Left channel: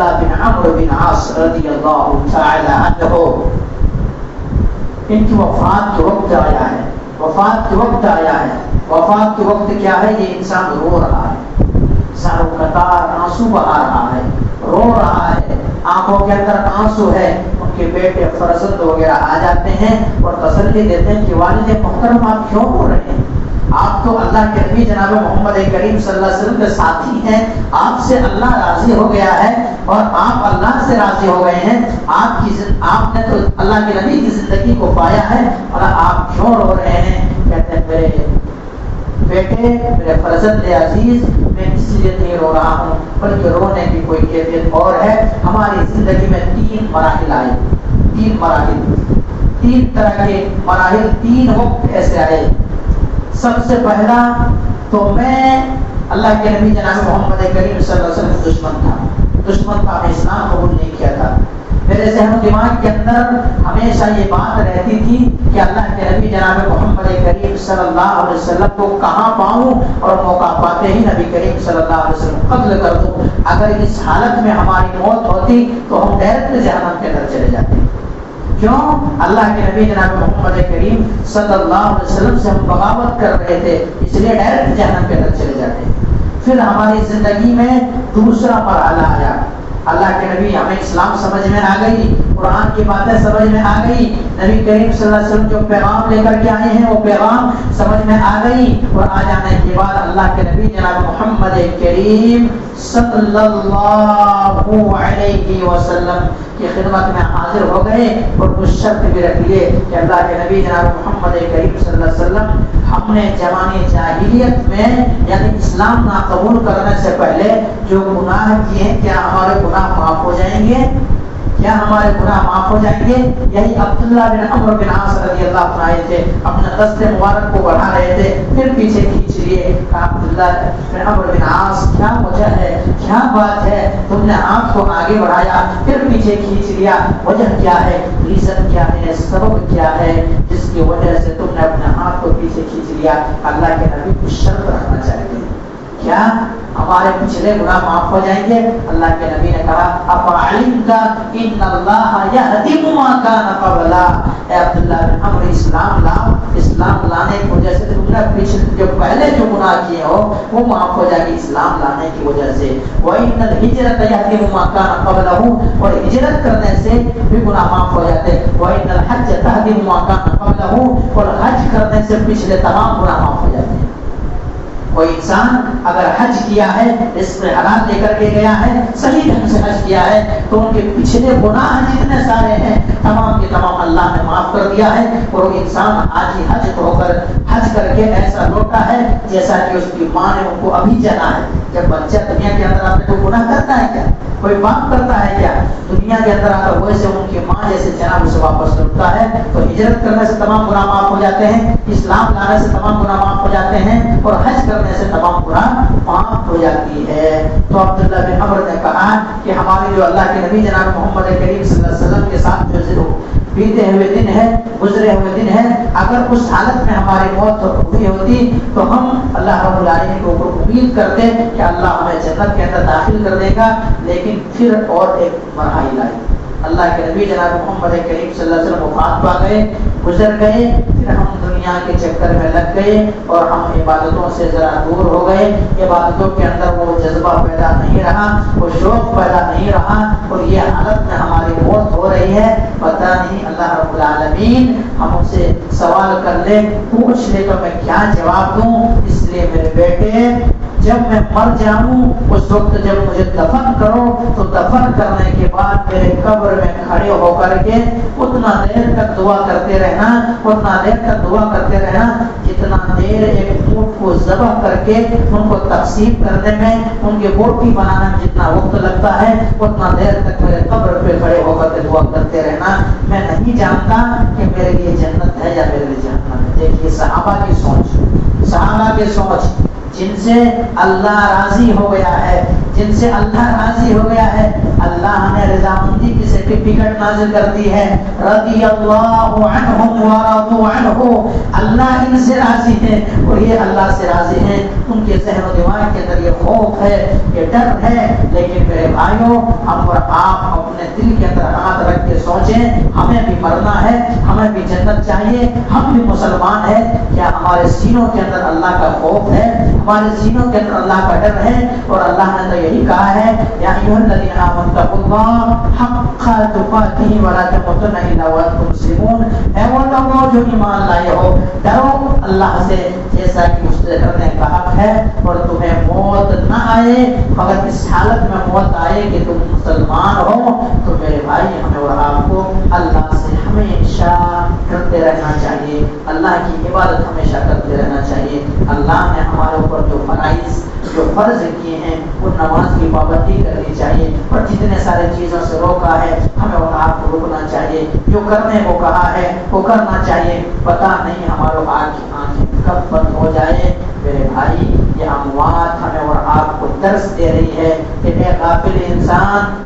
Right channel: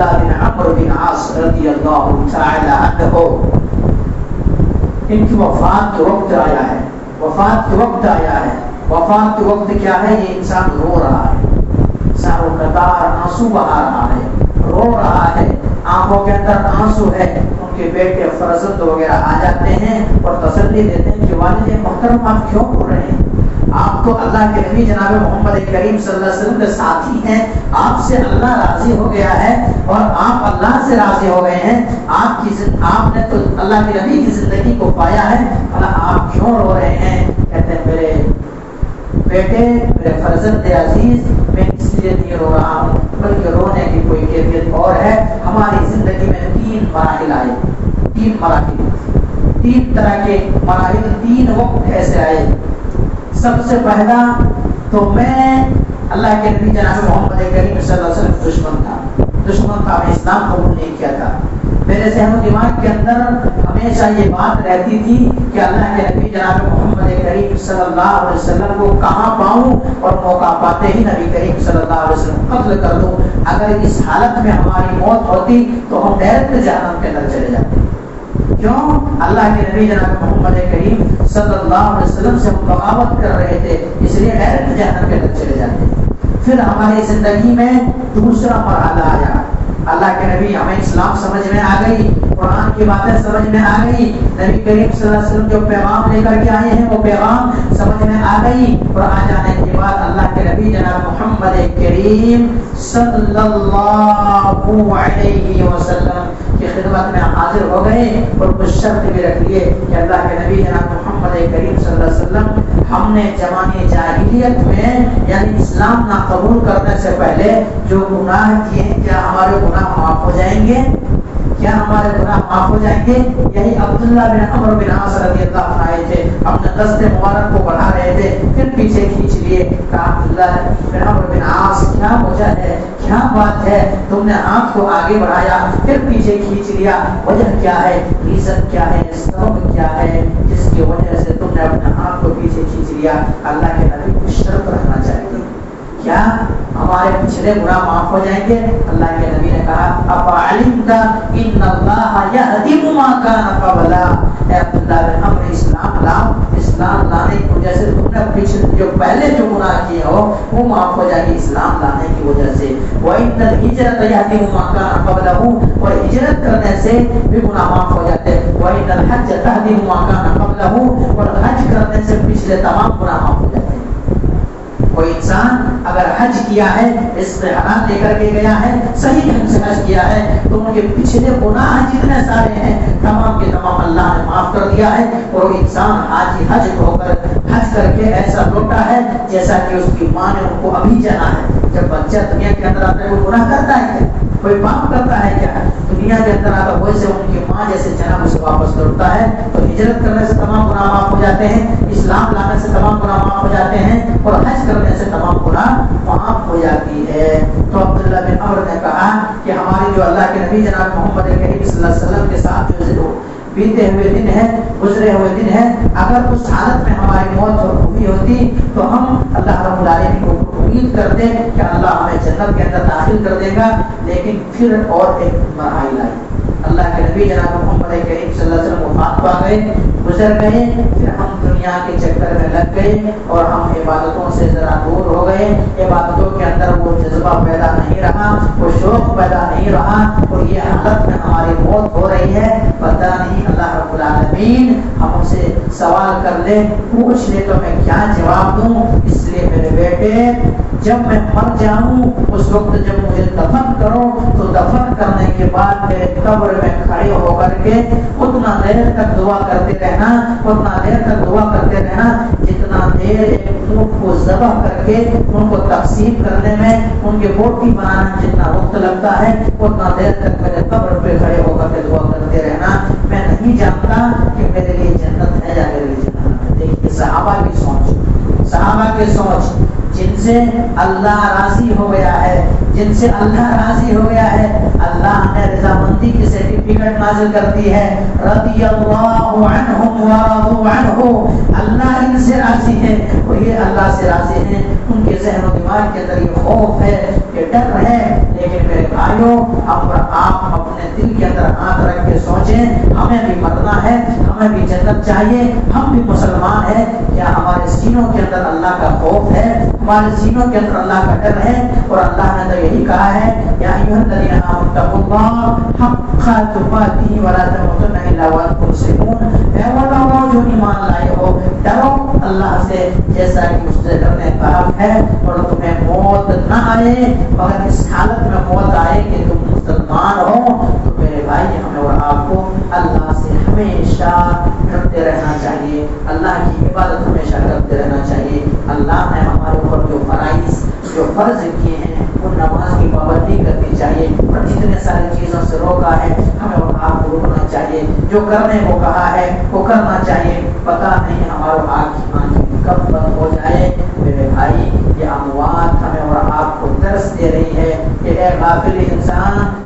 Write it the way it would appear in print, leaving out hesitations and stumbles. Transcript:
عبداللہ بن عمرو بن عاص رضی اللہ تعالی عنہ، ان کی وفات کے وقت آیا ہے، وفات کے وقت آیا ہے۔ وفات کے وقت کیا ہے؟ یہ انسان رو رہا ہے، ساروں قطار آنسو بہا رہا ہے، رو رہا ہے، آنکھوں کے اندر آنسو ہے۔ ان کے بیٹے فرزند وغیرہ آ جاتے ہیں اور تسلی دیتے ہیں کہ والد محترم آپ کیوں رو رہے ہیں؟ آپ تو اللہ کے نبی جناب محمد کریم صلی اللہ علیہ وسلم کے ساتھی ہیں، آپ سے اللہ راضی ہو گیا ہے اور آپ اللہ سے راضی ہو گئے ہیں، آپ نے تو اللہ کے نبی کی زندگی کو پایا ہے اور آپ کیوں رو رہے ہیں؟ کہتے ہیں میرے بیٹے، میرے فرزند عزیز، میں اس لیے نہیں رو رہا ہوں بلکہ رونے کی کوئی کیفیت اور ہے۔ ہماری زندگی میں 3 مراحل آئے، 3 مراحل، 3 طرح کے مراحل، 3 وقت ایسے آئے۔ سب سے پہلا تو میں اللہ کے نبی جناب محمد کریم صلی اللہ علیہ وسلم دشمن تھا، میں اسلام قبول نہیں کیا تھا۔ میرے ذہن و دماغ کے اندر ہمیشہ یہ بات رہتی تھی کہ اللہ کے نبی جناب محمد کریم صلی اللہ علیہ وسلم کو کہاں پاؤں اور موقع پاتے ہی نبی کریم صلی اللہ علیہ وسلم قتل کر دوں۔ اگر اس حالت میں ہماری موت ہوتی تو ہم ڈائریکٹ جہنم کے اندر چلے جاتے۔ کیوں؟ اللہ کے نبی جناب محمد کریم صلی اللہ علیہ وسلم سے ہم بغاوت کر رہے تھے، اس لیے ڈائریکٹ جہنم کے اندر چلے جاتے۔ پھر ہماری زندگی میں دوسرا مرحلہ آیا، اللہ کے نبی، ہمیں اسلام سمجھ میں آ گئی، قرآن کی باتیں سمجھ میں آ گئی، نبی کریم صلی اللہ علیہ وسلم جو پیغام لے کر کے آئے ہیں وہ پیغام سمجھ میں آ گئی، اور آ جانے کے بعد اللہ کے نبی جناب محمد کریم صلی اللہ علیہ وسلم کی خدمت میں حاضر ہو گئے اور کچھ شرط بھی رکھ لیے کہ اللہ کے نبی جناب محمد کریم صلی اللہ علیہ وسلم، ہم نے زمانے جاہلیت میں یعنی اسلام نہ قبول کرنے سے پہلے جو گناہ کیے ہیں کیا ہمارے گناہ معاف ہو جائیں گے؟ کیا ہمارے گناہ معاف ہو جائیں گے؟ یہی عبداللہ بن عمرو بن عاص رضی اللہ عنہ آئے تھے، اپنے دست مبارک کو بڑھا رہے تھے، پھر پیچھے کھینچ لیے، کہا عبداللہ بن عمرو بن عاص کیا وجہ ہے، کیا بات ہے، تم نے ہاتھ کو آگے بڑھایا پھر پیچھے کھینچ لیا، وجہ کیا ہے، ریزن کیا ہے، سبب کیا ہے جس کی وجہ سے تم نے اپنے ہاتھ کو پیچھے کھینچ لیا؟ اللہ کے نبی کو شرط رکھنا چاہیے، کیا ہمارے پچھلے گناہ معاف ہو جائیں گے؟ اللہ کے نبی نے کہا افعلمت ان اللہ یہدم ما کان قبلا، اے عبداللہ بن عمرو اسلام لاؤ، اسلام لانے کی وجہ سے تم نے پچھلے جو پہلے جو گناہ کیے ہو وہ معاف ہو جائے گی اسلام لانے کی وجہ سے۔ وان الہجرۃ یہدم ما کان قبلہ، اور ہجرت کرنے سے بھی گناہ معاف ہو جاتے۔ وان الحج یہدم ما کان قبلہ، اور حج کرنے سے پچھلے تمام گناہ معاف ہو جاتے ہیں۔ کوئی انسان اگر حج کیا ہے، اس میں حلال لے کر کے گیا ہے، صحیح ڈھنگ سے حج کیا ہے، تو ان کے پچھلے گناہ جتنے سارے ہیں تمام کے تمام اللہ نے معاف کر دیا ہے، اور وہ انسان آج ہی حج ہو کر حج کر کے ایسا لوٹا ہے جیسا کہ اس کی ماں نے ان کو ابھی جانا ہے۔ جب بچہ دنیا کے اندر آتا ہے کوئی گناہ کرتا ہے کیا؟ کوئی پاپ کرتا ہے کیا؟ دنیا کے اندر آتا ہے ویسے ان کی ماں جیسے جناب اسے واپس لوٹتا ہے۔ تو ہجرت کرنے سے تمام گناہ معاف ہو جاتے ہیں، اسلام لانے سے تمام گناہ معاف ہو جاتے ہیں، اور حج کرنے سے تمام گناہ معاف ہو جاتی ہے۔ تو عبداللہ بن عمرو نے کہا کہ ہماری جو اللہ کے نبی جناب محمد کریم صلی اللہ علیہ وسلم کے ساتھ جو بیتے ہوئے دن ہے، گزرے ہوئے دن ہے، اگر اس حالت میں ہماری موت ہوئی ہوتی تو ہم اللہ رب العالمین کو امید کرتے کہ اللہ ہمیں جنت کے اندر داخل کر دے گا۔ لیکن پھر اور ایک مرحلہ آئی، اللہ کے نبی جناب محمد کریم صلی اللہ علیہ وسلم وفات پا گئے، گزر گئے، پھر ہم دنیا کے چکر میں لگ گئے اور ہم عبادتوں سے ذرا دور ہو گئے، عبادتوں کے اندر وہ جذبہ پیدا نہیں رہا، وہ شوق پیدا نہیں رہا، اور یہ حالت میں ہماری موت ہو رہی ہے۔ پتہ نہیں اللہ رب العالمین ہم سے سوال کر لے، پوچھ لے تو میں کیا جواب دوں؟ اس لیے میرے بیٹے جب میں مر جاؤں اس وقت جب مجھے دفن کرو تو دفن کرنے کے بعد میرے قبر میں کھڑے ہو کر کے اتنا دیر تک دعا کرتے رہنا، اتنا دیر تک دعا کرتے رہنا جتنا دیر ایک اونٹ کو ذبح کر کے ان کو تقسیم کرنے میں ان کے بوٹی بنانے میں جتنا وقت لگتا ہے اتنا دیر تک میرے قبر پہ کھڑے ہو کر کے دعا کرتے رہنا۔ میں نہیں جانتا کہ میرے لیے جنت ہے یا میرے لیے جہنم ہے۔ دیکھیے صحابہ کی سوچ، صحابہ کی سوچ، جن سے اللہ راضی ہو گیا ہے، جن سے اللہ راضی ہو گیا ہے، اللہ نے رضامندی کی سرٹیفکیٹ نازل کر دی ہے، رضی اللہ عنہم ورضوا عنہ، اللہ ان سے راضی ہے اور یہ اللہ سے راضی ہیں۔ ان کے ذہن و دماغ کے اندر یہ خوف ہے، یہ ڈر ہے۔ لیکن میرے بھائیوں، ہم اور آپ اپنے دل کے اندر ہاتھ رکھ کے سوچیں، ہمیں بھی مرنا ہے، ہمیں بھی جنت چاہیے، ہم بھی مسلمان ہیں۔ کیا ہمارے سینوں کے اندر اللہ کا خوف ہے؟ ہمارے سینوں کے اندر اللہ کا ڈر ہے؟ اور اللہ نے تو یہی کہا ہے، یا ایھا الذین آمنوا اتقوا اللہ حق تقاتہ ولا تموتن الا وانتم مسلمون۔ اے وہ لوگوں جو ایمان لائے ہو، ڈرو اللہ سے جیسا کہ اس سے ڈرنے کا حق ہے، اور تمہیں موت نہ آئے مگر اس حالت میں موت آئے کہ تم مسلمان ہو۔ تو میرے بھائی، ہمیں اور آپ کو اللہ سے ہمیشہ ڈرتے رہنا چاہیے، اللہ کی عبادت ہمیشہ کرتے رہنا چاہیے۔ اللہ نے ہمارے اوپر جو فرائض، جو فرض کیے ہیں، وہ نماز کی پابندی کرنی چاہیے، اور جتنے سارے چیزوں سے روکا ہے ہمیں اور آپ کو رکنا چاہیے، جو کرنے کو کہا ہے وہ کرنا چاہیے۔ پتہ نہیں ہمارے آنکھیں کب بند ہو جائے۔ میرے بھائی، یہ اموات ہمیں اور آپ کو درس دے رہی ہے کہ اے غافل انسان،